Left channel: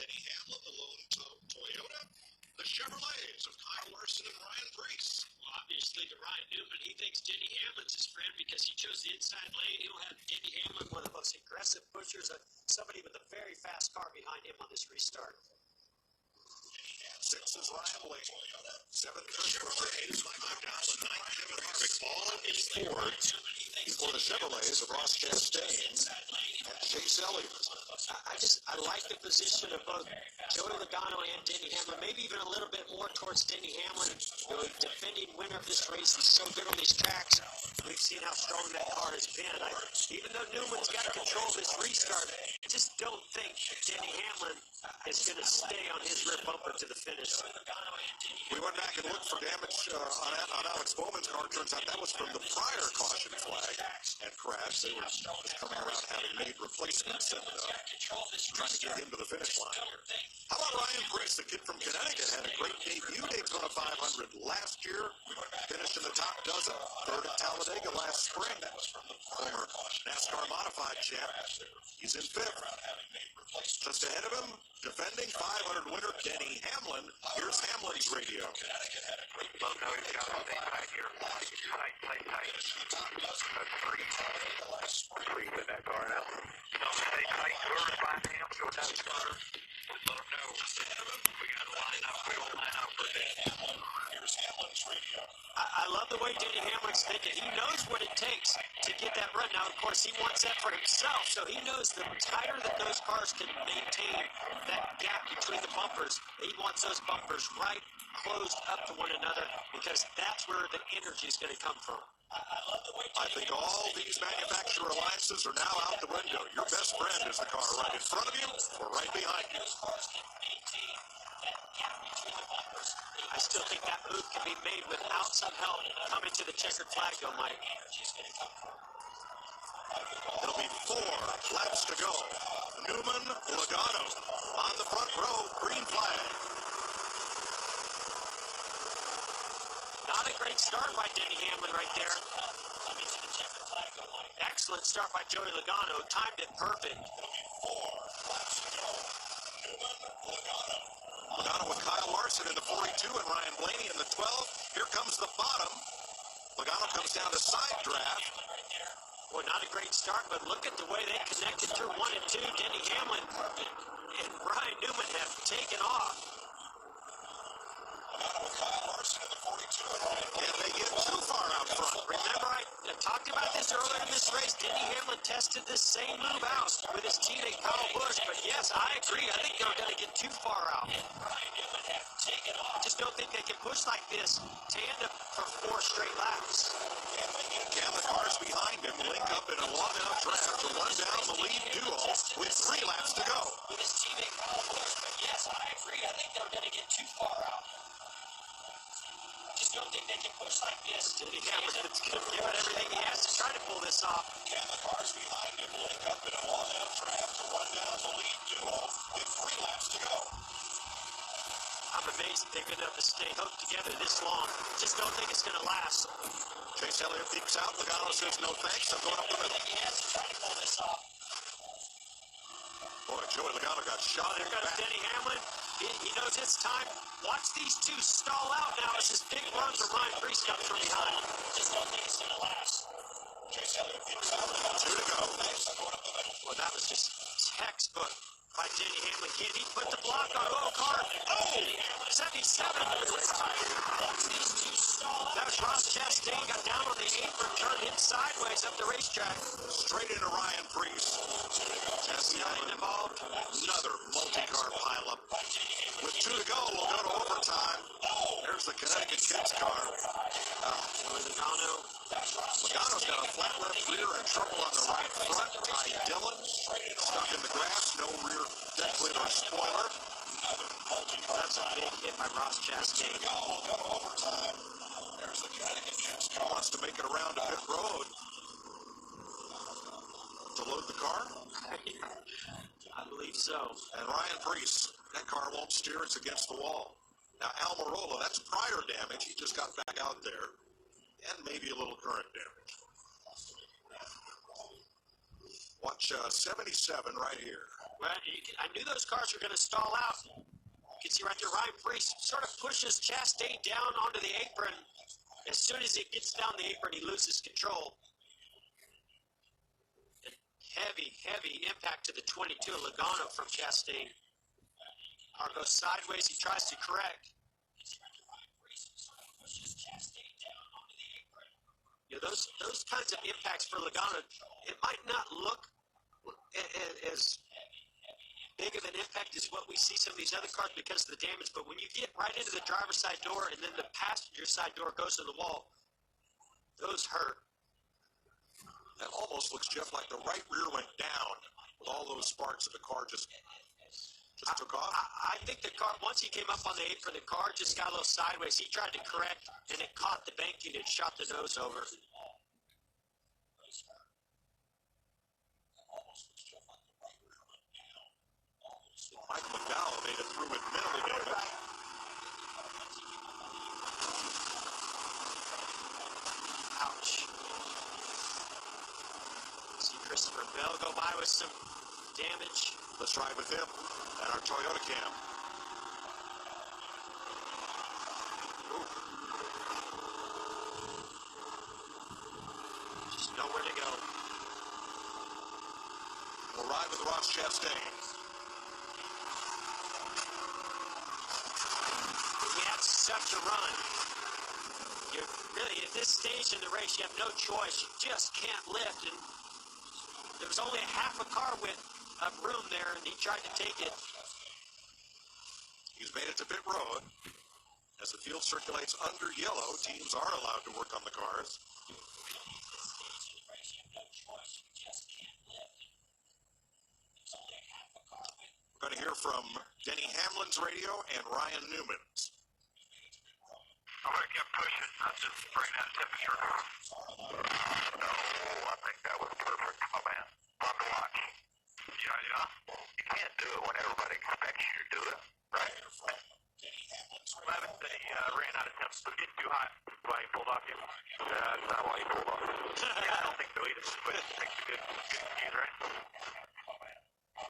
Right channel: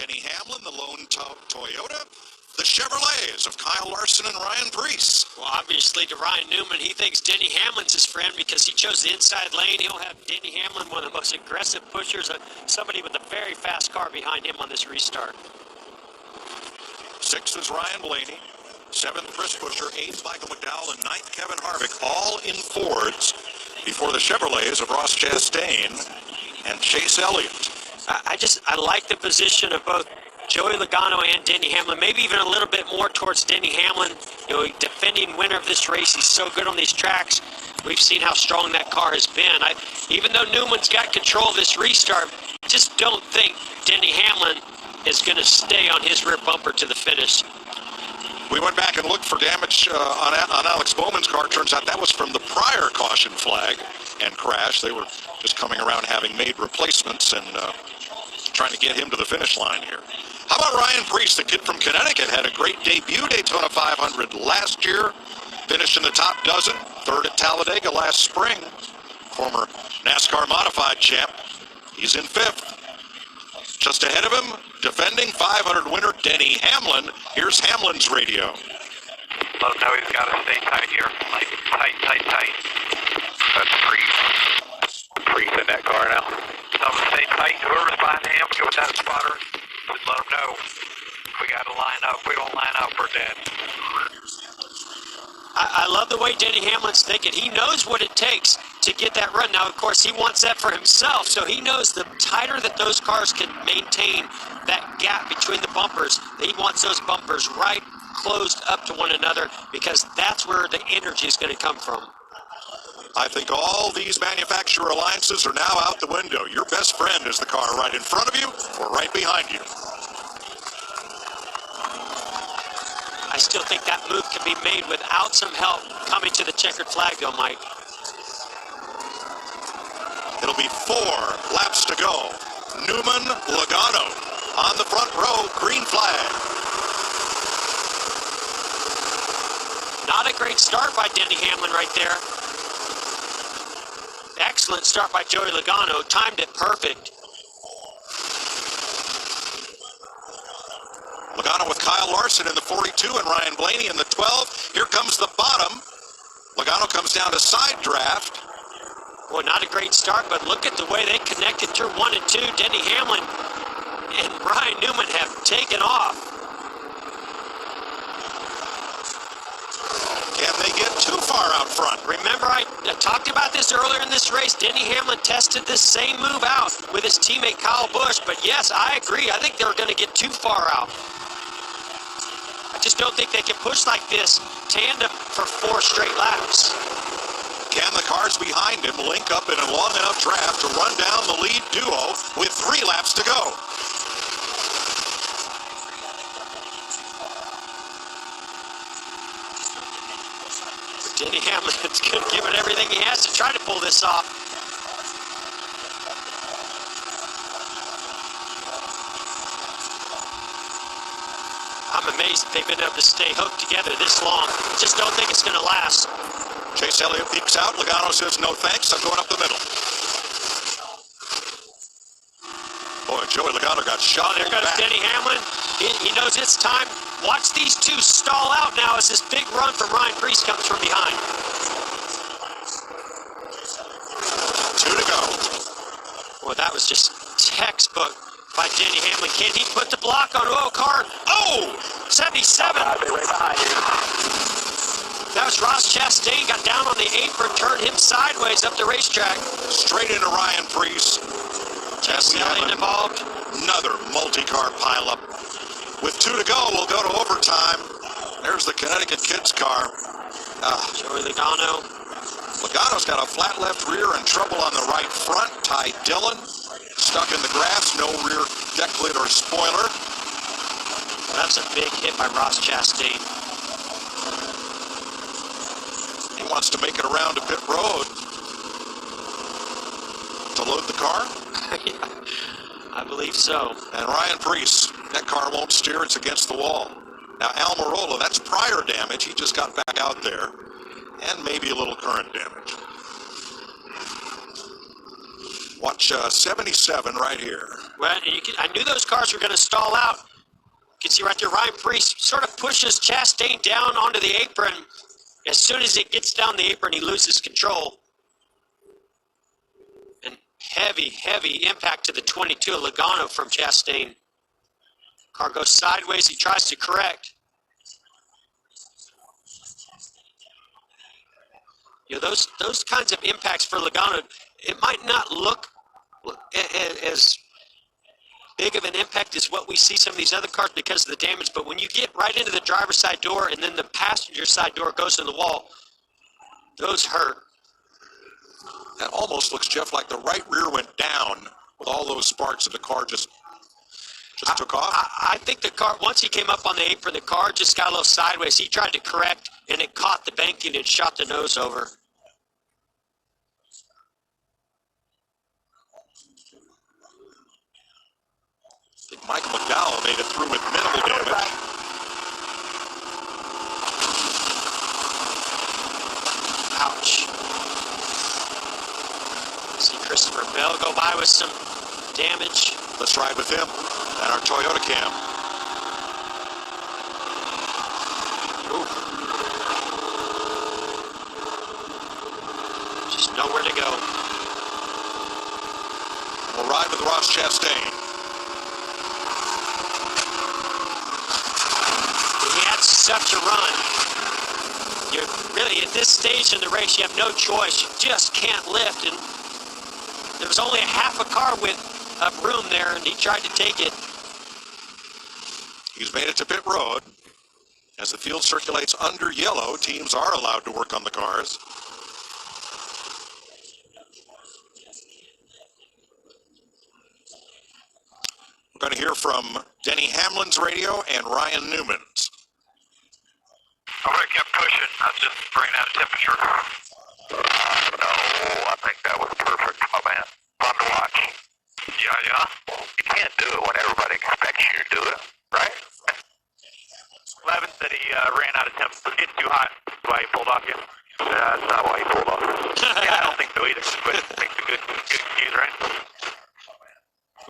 Denny Hamlin, the lone Toyota. The Chevrolets of Kyle Larson and Ryan Preece. Well, obviously, to Ryan Newman, he thinks Denny Hamlin's his friend because he chose the inside lane. He'll have Denny Hamlin, one of the most aggressive pushers, somebody with a very fast car behind him on this restart. 6th is Ryan Blaney. 7th, Chris Buescher. 8th, Michael McDowell. And 9th, Kevin Harvick. All in Fords before the Chevrolets of Ross Chastain and Chase Elliott. I like the position of both Joey Logano and Denny Hamlin, maybe even a little bit more towards Denny Hamlin. You know, defending winner of this race. He's so good on these tracks. We've seen how strong that car has been. Even though Newman's got control of this restart, I just don't think Denny Hamlin is going to stay on his rear bumper to the finish. We went back and looked for damage on Alex Bowman's car. Turns out that was from the prior caution flag and crash. They were just coming around having made replacements and trying to get him to the finish line here. How about Ryan Preece, the kid from Connecticut, had a great debut Daytona 500 last year, finished in the top dozen, 3rd at Talladega last spring. Former NASCAR modified champ. He's in 5th. Just ahead of him, defending 500 winner Denny Hamlin. Here's Hamlin's radio. Let him know he's got to stay tight here. Like, tight. That's Preece in that car now. Tell him to stay tight. Whoever's behind him, go with that spotter. Just let him know. We got to line up. We don't line up, we're dead. I love the way Denny Hamlin's thinking. He knows what it takes to get that run. Now, of course, he wants that for himself, so he knows the tighter that those cars can maintain that gap between the bumpers, he wants those bumpers right closed up to one another because that's where the energy is going to come from. I think all these manufacturer alliances are now out the window. Your best friend is the car right in front of you or right behind you. I still think that move can be made without some help coming to the checkered flag, though, Mike. It'll be 4 laps to go. Newman, Logano on the front row, green flag. Not a great start by Denny Hamlin right there. Excellent start by Joey Logano, timed it perfect. Logano with Kyle Larson in the 42 and Ryan Blaney in the 12. Here comes the bottom. Logano comes down to side draft. Well, not a great start, but look at the way they connected turn 1 and 2. Denny Hamlin and Ryan Newman have taken off. Can they get too far out front? Remember, I talked about this earlier in this race. Denny Hamlin tested this same move out with his teammate Kyle Busch, but yes, I agree. I think they're going to get too far out. I just don't think they can push like this tandem for 4 straight laps. Can the cars behind him link up in a long enough draft to run down the lead duo with 3 laps to go? Denny Hamlin's going to give it everything he has to try to pull this off. I'm amazed they've been able to stay hooked together this long. Just don't think it's going to last. Chase Elliott peeks out. Logano says, no thanks, I'm going up the middle. Boy, Joey Logano got shot. There goes back. Denny Hamlin. He knows it's time. Watch these two stall out now as this big run from Ryan Preece comes from behind. 2 to go. Well, that was just textbook by Denny Hamlin. Can he put the block on? Oh, car. Oh, 77. That was Ross Chastain. Got down on the apron, turned him sideways up the racetrack. Straight into Ryan Preece. Chastain involved. Another multi-car pileup. With 2 to go, we'll go to overtime. There's the Connecticut kids car. Joey Logano. Logano's got a flat left rear and trouble on the right front. Ty Dillon stuck in the grass, no rear deck lid or spoiler. That's a big hit by Ross Chastain. He wants to make it around to pit road to load the car. I believe so. And Ryan Preece, that car won't steer, it's against the wall. Now Almirola, that's prior damage, he just got back out there, and maybe a little current damage. Watch 77 right here. Well, I knew those cars were going to stall out. You can see right there, Ryan Priest sort of pushes Chastain down onto the apron. As soon as it gets down the apron, he loses control. And heavy, heavy impact to the 22 Logano from Chastain. Car goes sideways. He tries to correct. You know, those kinds of impacts for Logano, it might not look as big of an impact as what we see some of these other cars because of the damage, but when you get right into the driver's side door and then the passenger side door goes in the wall, those hurt. That almost looks, Jeff, like the right rear went down with all those sparks and the car just took off. I think the car, once he came up on the apron, the car just got a little sideways. He tried to correct, and it caught the banking and shot the nose over. Michael McDowell made it through with minimal damage. Ouch. See Christopher Bell go by with some damage. Let's ride with him and our Toyota cam. Ooh. Just nowhere to go. We'll ride with Ross Chastain. He had such a run. You're really, at this stage in the race, you have no choice. You just can't lift. And there was only a half a car width of room there, and he tried to take it. He's made it to pit road. As the field circulates under yellow, teams are allowed to work on the cars. We're going to hear from Denny Hamlin's radio and Ryan Newman's. I would have kept pushing. I just ran out of temperature. No, I think that was perfect, my man. Fun to watch. Yeah. You can't do it when everybody expects you to do it, right? Levin said he ran out of temperature. It was getting too hot. That's why he pulled off you. That's not why he pulled off. Yeah, I don't think so either. But it makes a good excuse, right?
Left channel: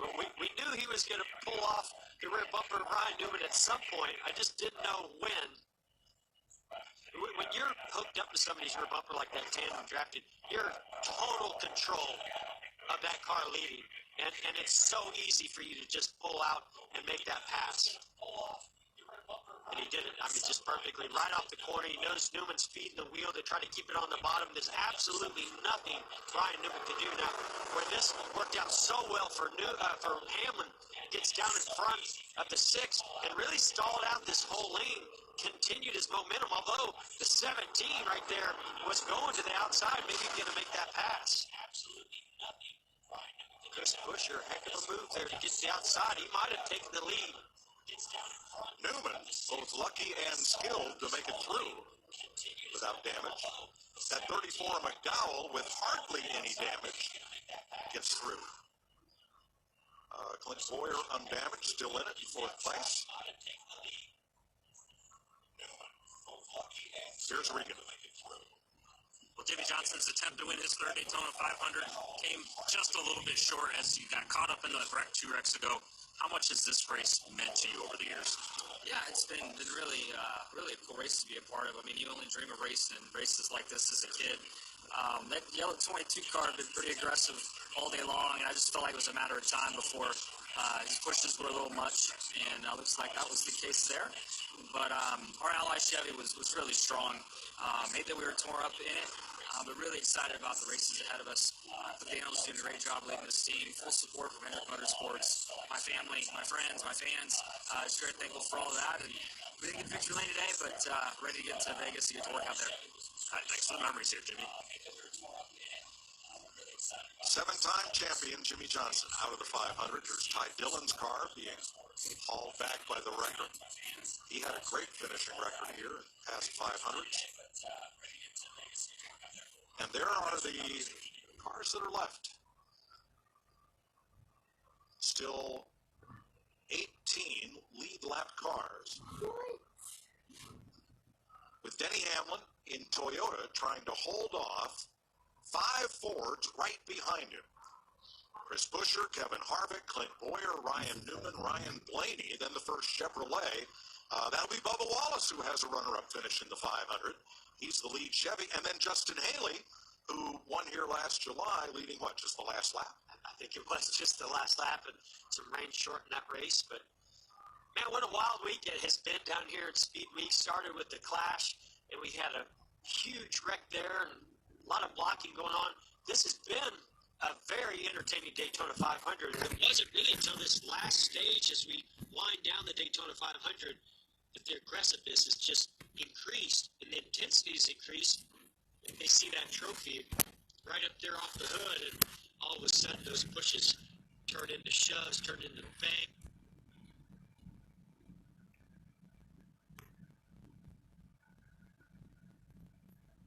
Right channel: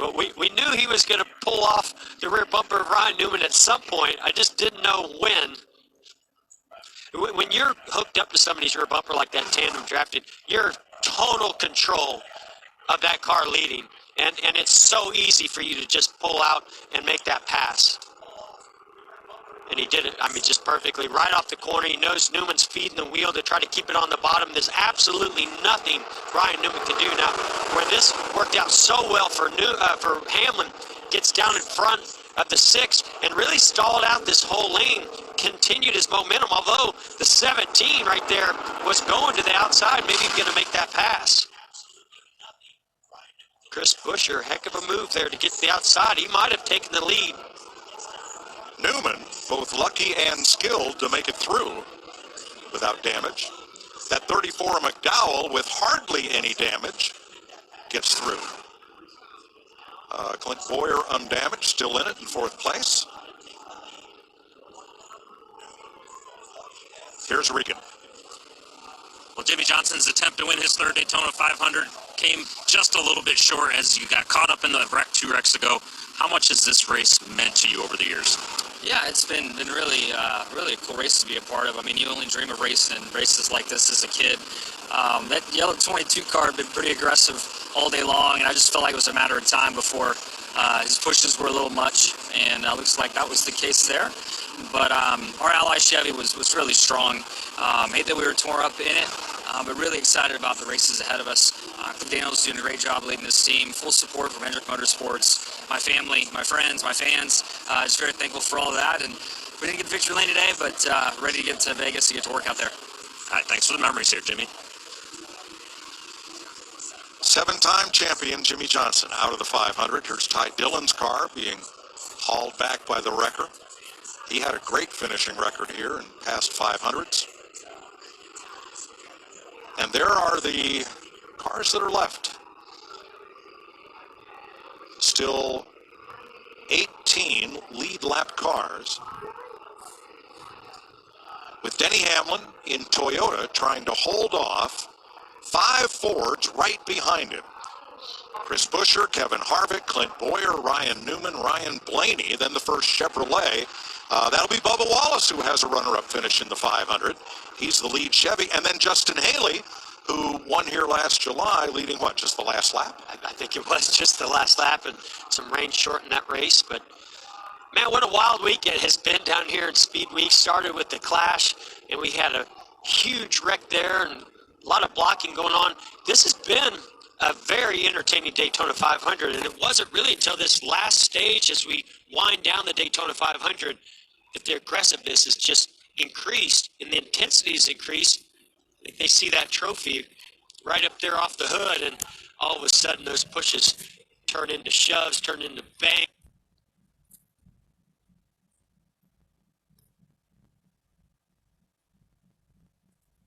Well, we knew he was going to pull off the rear bumper of Ryan Newman at some point. I just didn't know when. When you're hooked up to somebody's rear bumper like that tandem drafted, you're total control of that car leading. And it's so easy for you to just pull out and make that pass. And he did it, I mean, just perfectly. Right off the corner, he knows Newman's feeding the wheel to try to keep it on the bottom. There's absolutely nothing Ryan Newman can do. Now, where this worked out so well for Hamlin, gets down in front of the 6 and really stalled out this whole lane, continued his momentum, although the 17 right there was going to the outside, maybe going to make that pass. Chris Buescher, heck of a move there to get to the outside. He might have taken the lead. Newman, both lucky and skilled to make it through without damage. That 34 McDowell, with hardly any damage, gets through. Clint Boyer undamaged, still in it in 4th place. Here's Regan. Well, Jimmy Johnson's attempt to win his 3rd Daytona 500 came just a little bit short as you got caught up in the wreck 2 wrecks ago. How much has this race meant to you over the years? Yeah, it's been really a cool race to be a part of. I mean, you only dream of racing races like this as a kid. That yellow 22 car had been pretty aggressive all day long, and I just felt like it was a matter of time before his pushes were a little much, and it looks like that was the case there. But our ally Chevy was really strong. Hate that we were tore up in it, but really excited about the races ahead of us. Daniel's doing a great job leading this team. Full support from Hendrick Motorsports, my family, my friends, my fans. Just very thankful for all of that. And we didn't get the victory lane today, but ready to get to Vegas to get to work out there. All right, thanks for the memories here, Jimmy. 7-time champion Jimmy Johnson out of the 500. Here's Ty Dillon's car being hauled back by the wrecker. He had a great finishing record here in past 500s. And there are the cars that are left. Still 18 lead lap cars, with Denny Hamlin in Toyota trying to hold off 5 Fords right behind him. Chris Buescher, Kevin Harvick, Clint Boyer, Ryan Newman, Ryan Blaney, then the first Chevrolet. That'll be Bubba Wallace, who has a runner-up finish in the 500. He's the lead Chevy. And then Justin Haley, who won here last July, leading what, just the last lap? I think it was just the last lap, and some rain shortened that race. But, man, what a wild week it has been down here in Speed Week. Started with the Clash, and we had a huge wreck there and a lot of blocking going on. This has been a very entertaining Daytona 500, and it wasn't really until this last stage as we wind down the Daytona 500 that the aggressiveness has just increased and the intensity has increased. They see that trophy right up there off the hood, and all of a sudden those pushes turn into shoves, turn into bang.